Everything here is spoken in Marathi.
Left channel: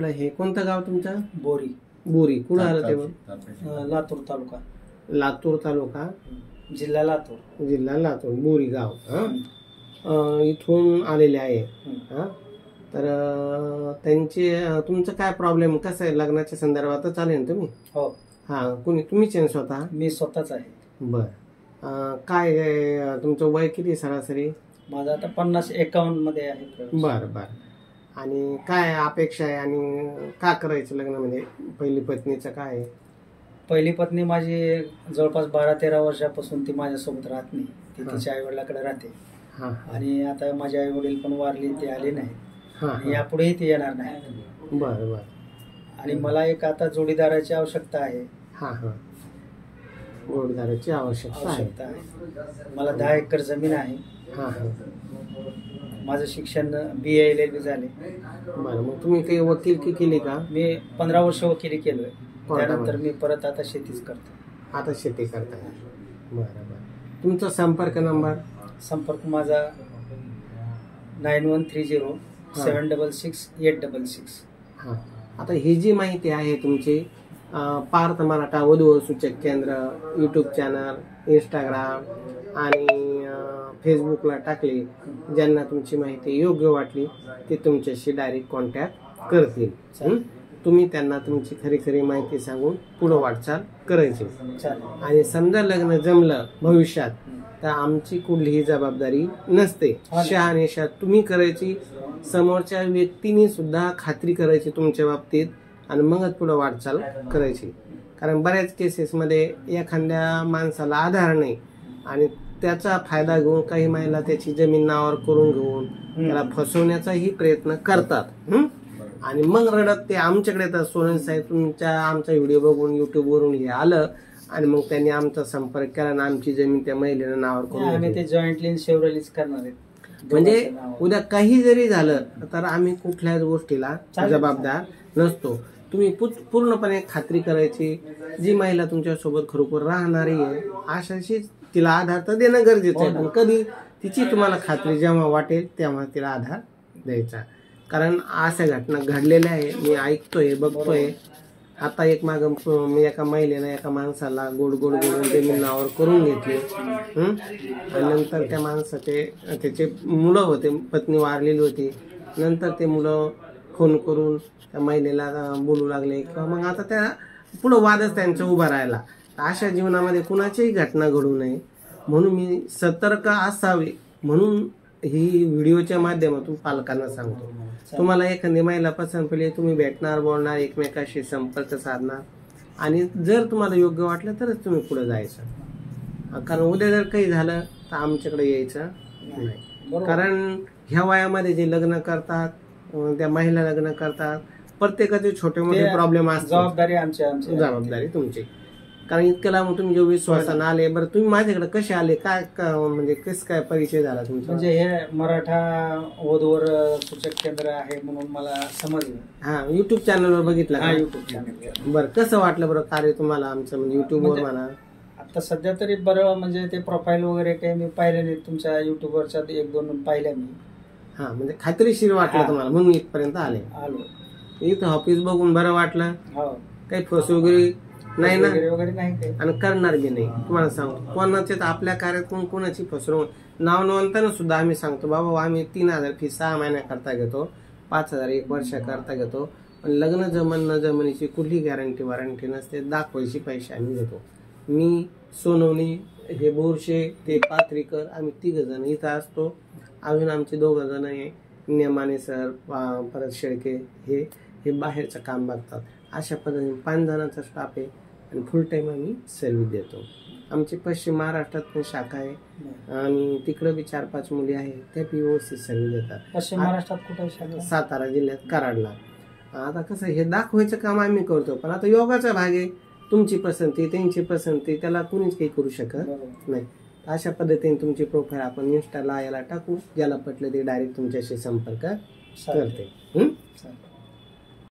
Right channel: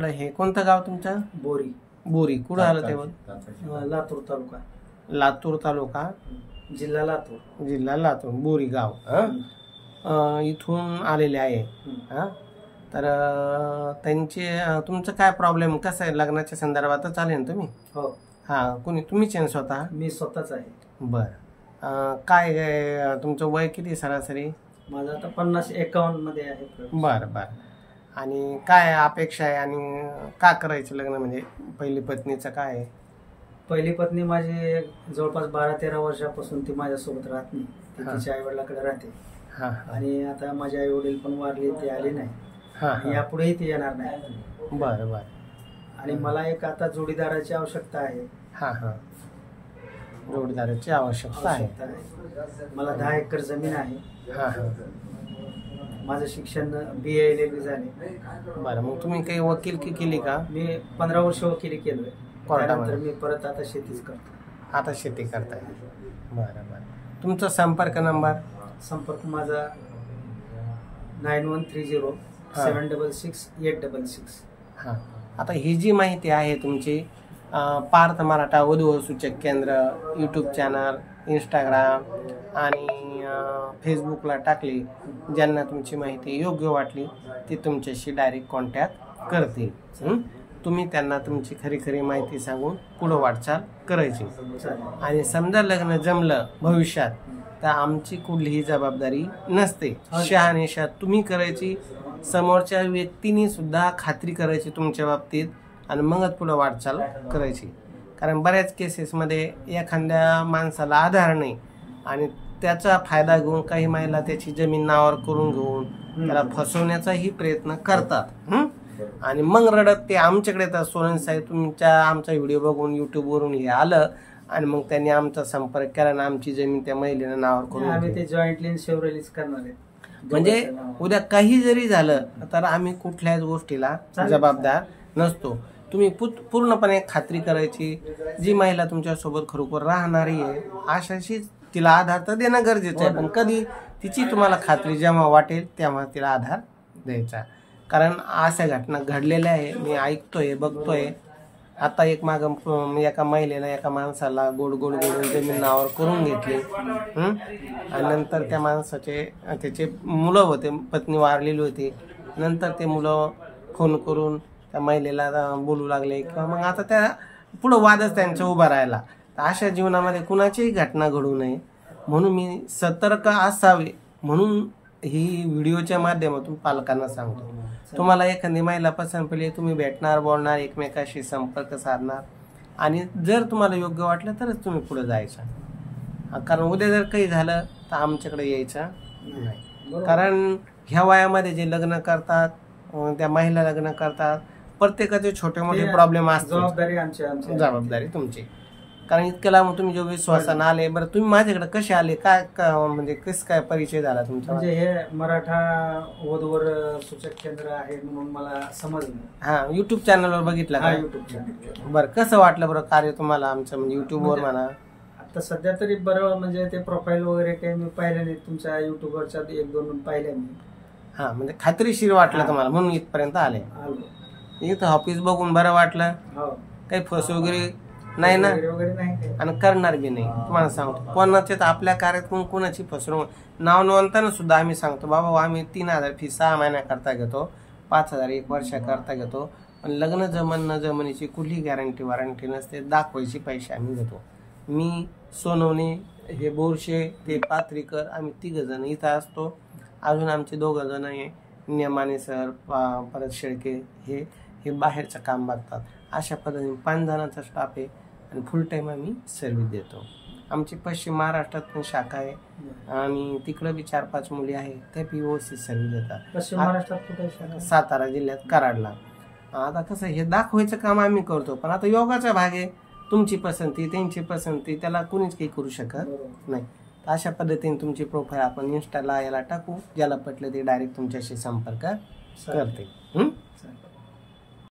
आपल्याकडे हे कोणतं गाव तुमचं? बोरी. बोरी कुठं आलं ते? लातूर तालुका. लातूर तालुका, जिल्हा लातूर. जिल्हा लातूर, बोरी गाव. इथून आलेले आहे. हा, तर त्यांचे तुमचं काय प्रॉब्लेम कसं आहे? लग्नाच्या संदर्भातच आले ना तुम्ही? हो. हा, कुणी तुम्हीच आहे स्वतः? मी स्वतःच आहे. बर. काय तुमचं वय किती सरासरी? माझं आता 50-51 मध्ये आहे. बर बर. आणि काय अपेक्षा आहे आणि का करायचं लग्न? म्हणजे पहिली पत्नीचं काय आहे? पहिली पत्नी माझी जवळपास 12-13 वर्षापासून ती माझ्यासोबत राहत नाही. ती तिच्या आई वडिलाकडे राहते. आणि आता माझे आई वडील पण वारले, ते आले नाही. आणि यापुढेही ते येणार नाही. बर बर. आणि मला एक आता जोडीदाराची आवश्यकता आहे. हा हा, जोडीदाराची आवश्यकता आहे. मला 10 एकर जमीन आहे. हा हा. माझं शिक्षण BA LLB झाले. बरं, मग तुम्ही काही वकीलकी केली का? मी 15 वर्ष वकिली केलोय. त्यानंतर मी परत आता शेतीच करतो. आता शेती करताय. बरं बरं. तुमचा संपर्क नंबर? संपर्क माझा 9130-766-866. हां, आता ही जी माहिती आहे तुमची पार्थ मराठा वधू सूचक केंद्र यूट्यूब चॅनल, इंस्टाग्राम आणि फेसबुकला टाकली. ज्यांना तुमची माहिती योग्य वाटली ते तुमच्याशी डायरेक्ट कॉन्टॅक्ट करतील. तुम्ही त्यांना तुमची खरी खरी माहिती सांगून पुढे वाटचाल करायची. आणि समजा लग्न जमलं भविष्यात तर आमची कुठलीही जबाबदारी नसते. शहानिशा तुम्ही करायची, समोरच्या व्यक्तीने सुद्धा खात्री करायची तुमच्या बाबतीत आणि मगच पुढे वाटचाल करायची. कारण बऱ्याच केसेसमध्ये एखाद्या माणसाला आधार नाही आणि त्याचा फायदा घेऊन काही महिला त्याची जमीन नावावर करून घेऊन त्याला फसवण्याचाही प्रयत्न करतात. आणि मग रडत ते आमच्याकडे येतात, सोनन साहेब तुमच्या आमचा व्हिडिओ बघून युट्यूबवरून हे आलं आणि मग त्यांनी आमचा संपर्क केला आणि आमची जमीन त्या महिलेनं नावावर करून. आम्ही ते जॉईंटली शेवरेलीच करणार आहे. म्हणजे उद्या काही जरी झालं तर आम्ही कुठल्याच गोष्टीला जबाबदार नसतो. तुम्ही पूर्णपणे खात्री करायची. जी महिला तुमच्यासोबत खरोखर राहणारी आहे अशाशी तिला आधार तर देणं गरजेचं आहे. पण कधी तिची तुम्हाला खात्री जेव्हा वाटेल तेव्हा तिला आधार द्यायचा. कारण अशा घटना घडलेल्या आहे, मी ऐकतोय, बघतोय. आता एक मागं एका महिलेनं एका माणसाला गोड गोड गोडून जमीन नावावर करून घेतली. आणि नंतर त्या माणसाचे त्याचे मुलं होते, पत्नी वारलेली होती. नंतर ते मुलं फोन करून त्या महिलेला बोलू लागले किंवा मग आता त्या पुढं वादच त्यांचा उभा राहिला. अशा जीवनामध्ये कुणाचीही घटना घडू नये म्हणून मी सतर्क असावे म्हणून ही व्हिडिओच्या माध्यमातून पालकांना सांगतो. तुम्हाला एखादी महिला पसंत पडली, तुम्ही भेटणार, बोलणार, एकमेकाशी संपर्क साधणार आणि जर तुम्हाला योग्य वाटलं तरच तुम्ही पुढे जायचं. कारण उद्या जर काही झालं तर आमच्याकडे यायचं नाही. कारण ह्या वयामध्ये जे लग्न करतात, त्या महिला लग्न करतात, प्रत्येकाचे छोटे मोठे प्रॉब्लेम असतात. जबाबदारी तुमची. कारण इतकं लांब तुम्ही जो विश्वासानं आले. बरं, तुम्ही माझ्याकडे कसे आले? काय म्हणजे कसं काय परिचय झाला तुमचा? म्हणजे हे मराठा वधूवर सूचक केंद्र आहे म्हणून मला समजलं. हा, युट्यूब चॅनलवर बघितलं का? YouTube channel. बरं, कसं वाटलं बरं कार्य तुम्हाला आमचं? म्हणजे युट्यूबवर म्हणा. आता सध्या तरी बरं, म्हणजे ते प्रोफाईल वगैरे काही मी पाहिलं नाही. तुमच्या युट्यूबवरच्या 1-2 पाहिल्या मी. हा, म्हणजे खात्रीशीर वाटलं तुम्हाला म्हणून इथपर्यंत आलो. इथं ऑफिस बघून बरं वाटलं. काही फस वगैरे नाही ना, वगैरे नाही आणि करणार बी नाही. तुम्हाला सांगतो कोणाच्याच आपल्या कार्यातून कोणाची फसवणूक नाव नोंदताना सुद्धा आम्ही सांगतो बाबा आम्ही 3000 फी 6 महिन्याकरता घेतो, 5000 1 वर्षाकरता घेतो. पण लग्न जमन न जमनीची कुठली गॅरंटी वॉरंटी नसते. दाखवायची पैसे आम्ही घेतो. मी, सोनवणे, हे बोरशे, ते पाथरीकर, आम्ही 3 जण इथं असतो. अजून आमचे 2 जण आहे, नेमाने सर, परत शेळके, हे बाहेरचं काम बघतात. अशा पद्धतीने 5 जणांचा स्टाफ आहे आणि फुल टाइम आम्ही सर्व्हिस देतो. आमची पश्चिम महाराष्ट्रात पण शाखा आहे आणि तिकडे बी 4-5 मुली आहेत, ते बी व्यवस्थित सर्व्हिस देतात. पश्चिम महाराष्ट्रात कुठे शाखा? सातारा जिल्ह्यात कराडला. आता कसं हे दाखवायचं काम आम्ही करतो, पण आता योगाचा भाग आहे. तुमची पसंती, त्यांची पसंती, त्याला कुणीच काही करू शकत नाही. अशा पद्धतीने तुमची प्रोफाईल आपण इंस्टाला याला टाकू. ज्याला पटलं ते डायरेक्ट तुमच्याशी संपर्क करते.